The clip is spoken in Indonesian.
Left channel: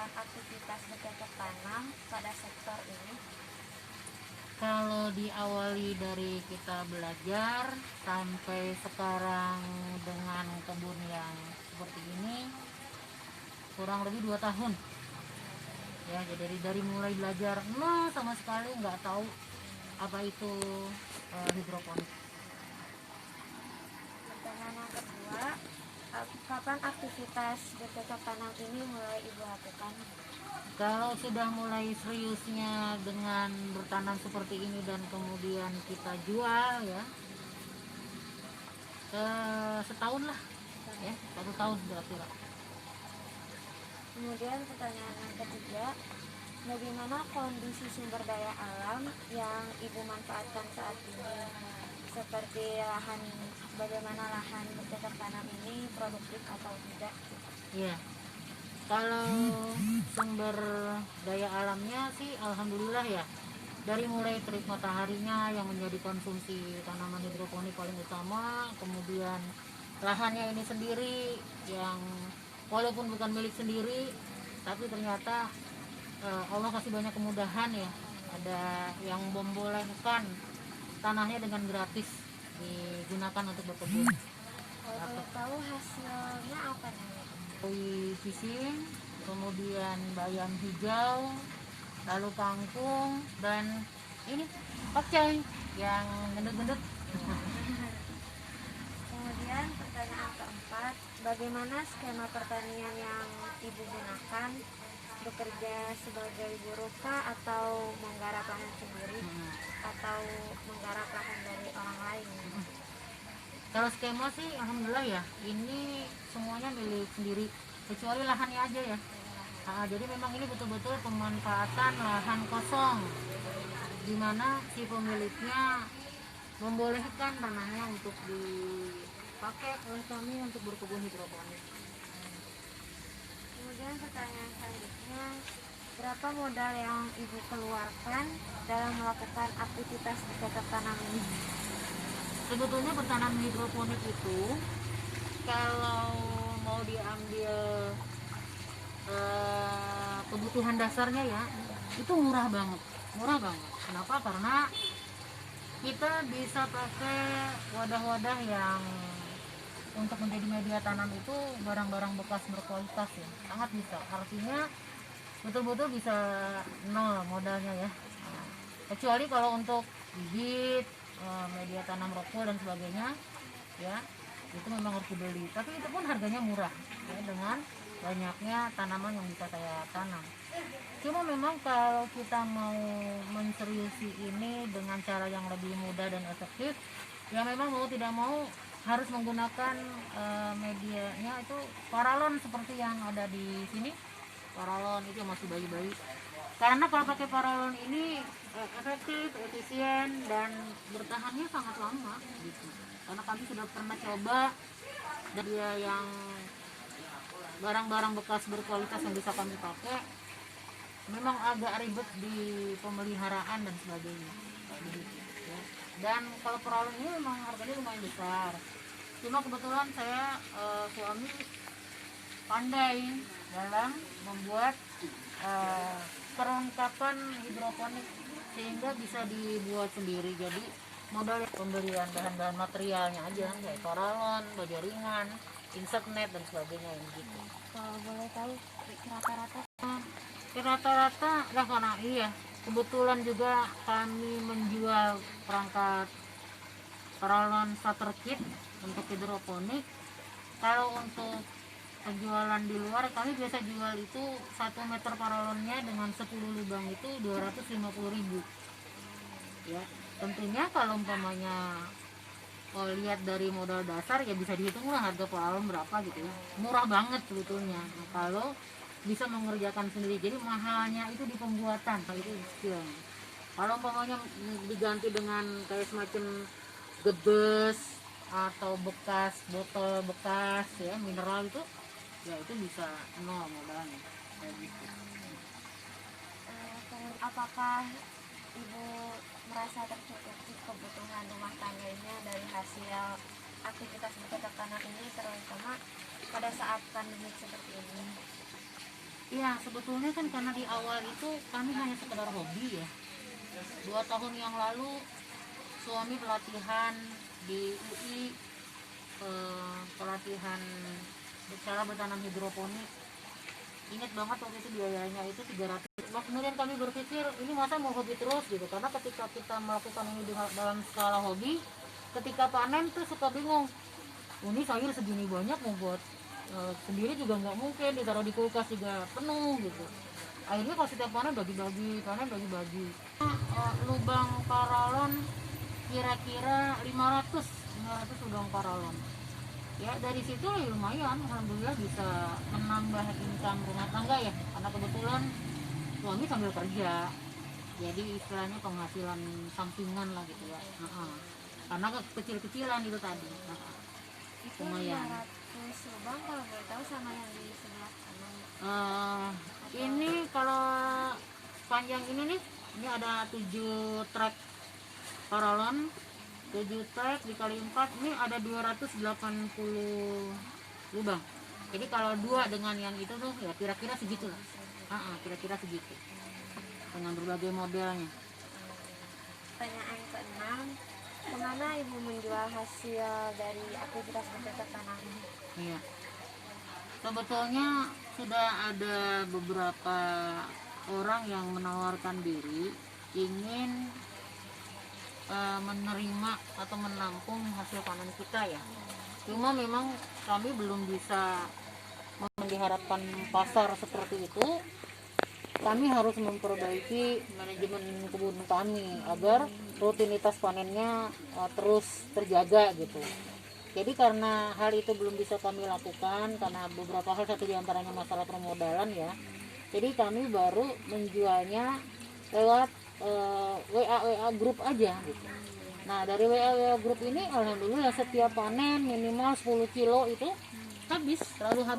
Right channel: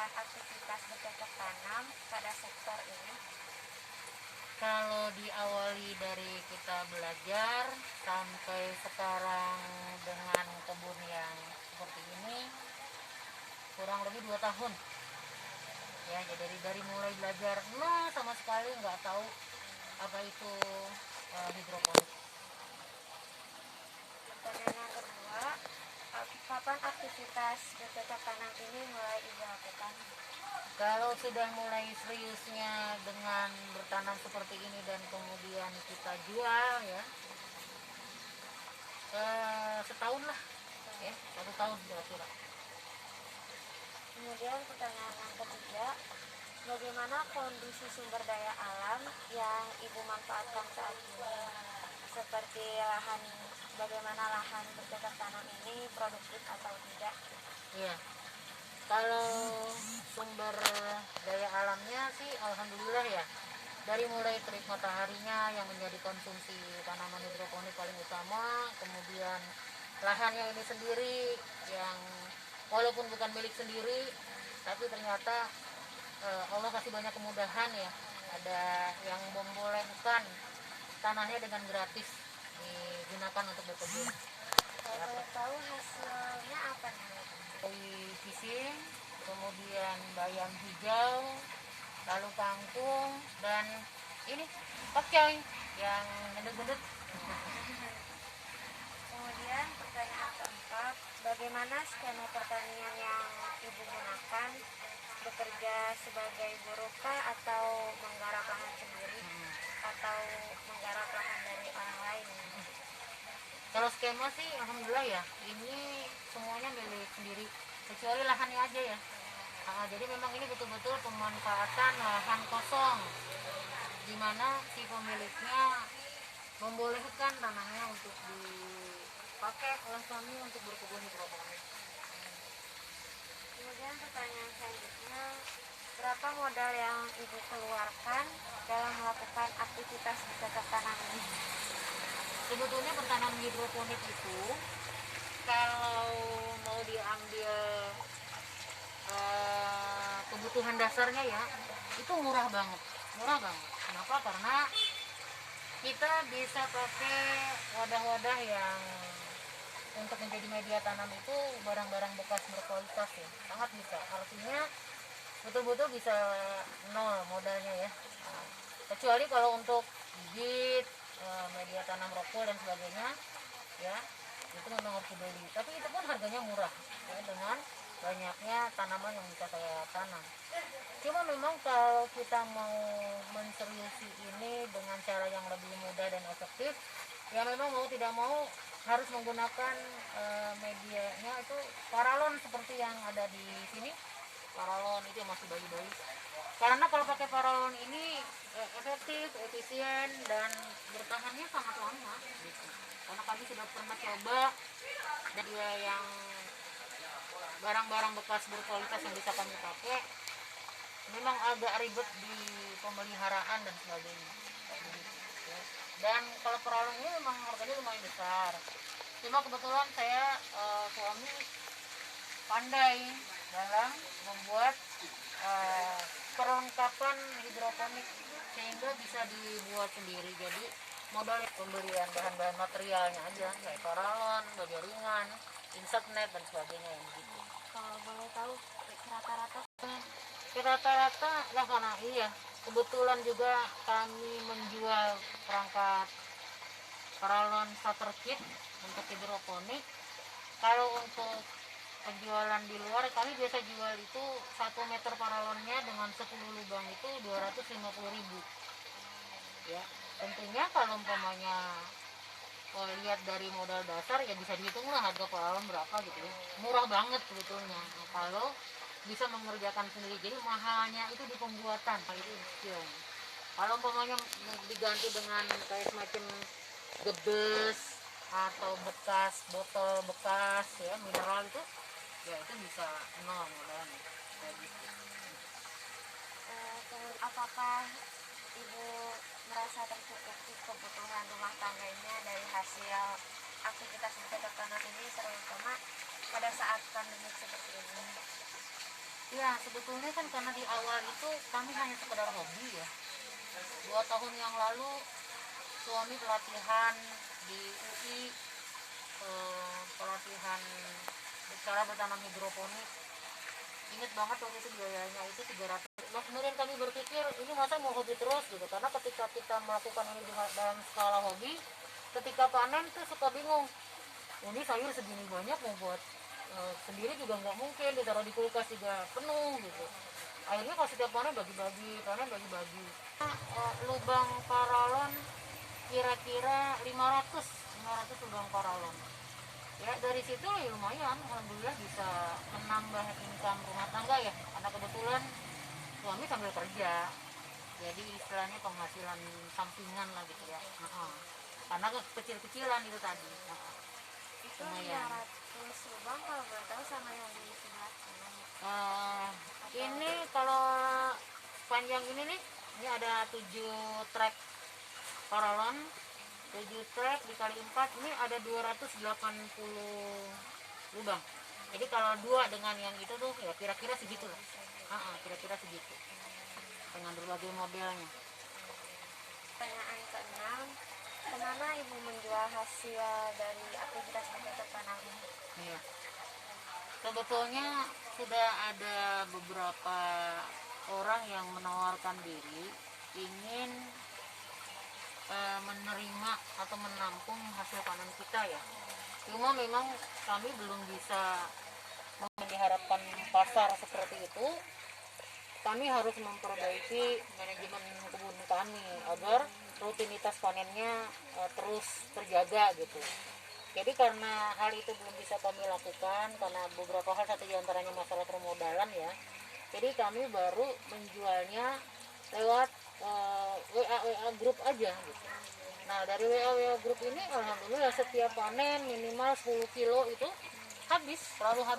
melakukan aktivitas bercocok tanam pada sektor ini? Kalau diawali dari kita belajar sampai sekarang dengan kebun yang seperti ini kurang lebih 2 tahun ya. Jadi dari mulai belajar nol sama sekali nggak tahu apa itu hidroponik. Pertanyaan yang kedua, kapan aktivitas bercocok tanam ini mulai Ibu lakukan? Kalau sudah mulai seriusnya dengan bertanam seperti ini dan kemudian kita jual ya, setahun lah ya, 1 tahun berarti lah. Kemudian pertanyaan yang ketiga, bagaimana kondisi sumber daya alam yang Ibu manfaatkan saat ini? Seperti bagaimana lahan bercocok tanam ini produktif atau tidak? Iya. Kalau sumber daya alamnya sih alhamdulillah ya. Dari mulai terik mataharinya yang menjadi konsumsi tanaman hidroponik paling utama, kemudian lahannya ini sendiri yang walaupun bukan milik sendiri, tapi ternyata Allah kasih banyak kemudahan ya. Ada yang membolehkan tanahnya dengan gratis digunakan untuk berkebun. Kalau boleh tahu hasilnya apa nih? Dari pisang, kemudian bayam hijau, lalu kangkung, dan ini pakcoy yang gendut-gendut. Kemudian pertanyaan keempat, bagaimana skema pertanian yang Ibu gunakan? Bekerja sebagai buruh kah atau menggarap lahan sendiri atau menggarap lahan dari orang lain? Kalau skema sih alhamdulillah ya, ini semuanya milik sendiri kecuali lahannya aja ya. Jadi memang ini betul-betul pemanfaatan lahan kosong di mana si pemiliknya membolehkan tanahnya untuk dipakai oleh kami untuk berkebun hidroponik. Kemudian pertanyaan selanjutnya, berapa modal yang Ibu keluarkan dalam melakukan aktivitas bercocok tanam ini? Sebetulnya bertanam hidroponik itu kalau mau diambil kebutuhan dasarnya ya, itu murah banget. Kenapa? Karena kita bisa pakai wadah-wadah yang untuk menjadi media tanam itu barang-barang bekas berkualitas ya, sangat bisa. Artinya betul-betul bisa nol modalnya ya. Kecuali kalau untuk bibit, media tanam rokok dan sebagainya ya, itu memang harus dibeli, tapi itu pun harganya murah ya, dengan banyaknya tanaman yang bisa saya tanam. Cuma memang kalau kita mau menseriusi ini dengan cara yang lebih mudah dan efektif ya, memang mau tidak mau harus menggunakan medianya itu paralon seperti yang ada di sini. Paralon itu masih bayi-bayi, karena kalau pakai paralon ini efektif, efisien, dan bertahannya sangat lama gitu. Karena kami sudah pernah coba, dan dia yang barang-barang bekas berkualitas yang bisa kami pakai memang agak ribet di pemeliharaan dan sebagainya kayak begitu ya. Dan kalau paralon ini memang harganya lumayan besar. Cuma kebetulan saya suami pandai dalam membuat perlengkapan hidroponik sehingga bisa dibuat sendiri. Jadi modal pembelian bahan-bahan materialnya aja kayak paralon, baja ringan, insect net dan sebagainya yang begitu. Kalau boleh tahu Rata-rata ya, karena iya kebetulan juga kami menjual perangkat paralon starter kit untuk hidroponik. Kalau untuk penjualan di luar, kami biasa jual itu 1 meter paralonnya dengan 10 lubang itu 250.000 ya. Tentunya kalau umpamanya lihat dari modal dasar ya bisa dihitung lah harga paralon berapa gitu ya, murah banget sebetulnya. Nah, kalau bisa mengerjakan sendiri, jadi mahalnya itu di pembuatan itu ya. Kalau umpamanya diganti dengan kayak semacam gebes atau bekas botol bekas ya, mineral itu ya, itu bisa nol modalnya kayak gitu. apakah Ibu merasa tercukupi kebutuhan rumah tangganya dari hasil aktivitas bercocok tanam ini, terutama pada saat pandemi seperti ini? Ya sebetulnya kan karena di awal itu kami hanya sekedar hobi ya. 2 tahun yang lalu suami pelatihan di UI, pelatihan cara bertanam hidroponik. Ingat banget waktu itu biayanya itu 300. Nah, kemudian kami berpikir ini masa mau hobi terus gitu, karena ketika kita melakukan ini dalam skala hobi, ketika panen tuh suka bingung, ini sayur segini banyak mau buat sendiri juga nggak mungkin, ditaruh di kulkas juga penuh gitu. Akhirnya kalau setiap panen bagi-bagi, lubang paralon kira-kira 500 lubang paralon. Ya dari situ ya lumayan, alhamdulillah bisa menambah income rumah tangga ya, karena kebetulan suami sambil kerja, jadi istilahnya penghasilan sampingan lah gitu ya. Karena kecil-kecilan itu tadi. Itu Lumayan. 500 lubang kalau boleh tahu sama yang di sebelah kanan. Ini kalau panjang ini nih, ini ada 7 trek paralon, 7 trek dikali 4, ini ada 280 lubang. Jadi kalau 2 dengan yang itu tuh ya kira-kira segitu lah. Kira-kira segitu. Dengan berbagai modelnya. Pertanyaan ke-6, kemana ibu menjual hasil dari aktivitas bercocok tanam ini? Iya. Sebetulnya sudah ada beberapa orang yang menawarkan diri ingin menerima atau menampung hasil panen kita ya. Cuma memang kami belum bisa mengharapkan pasar seperti itu. Kami harus memperbaiki manajemen kebun kami agar rutinitas panennya terus terjaga gitu. Jadi karena hal itu belum bisa kami lakukan karena beberapa hal, satu diantaranya masalah permodalan ya. Jadi kami baru menjualnya lewat WA grup aja gitu. Nah dari WA grup ini alhamdulillah setiap panen minimal 10 kilo itu habis, selalu habis.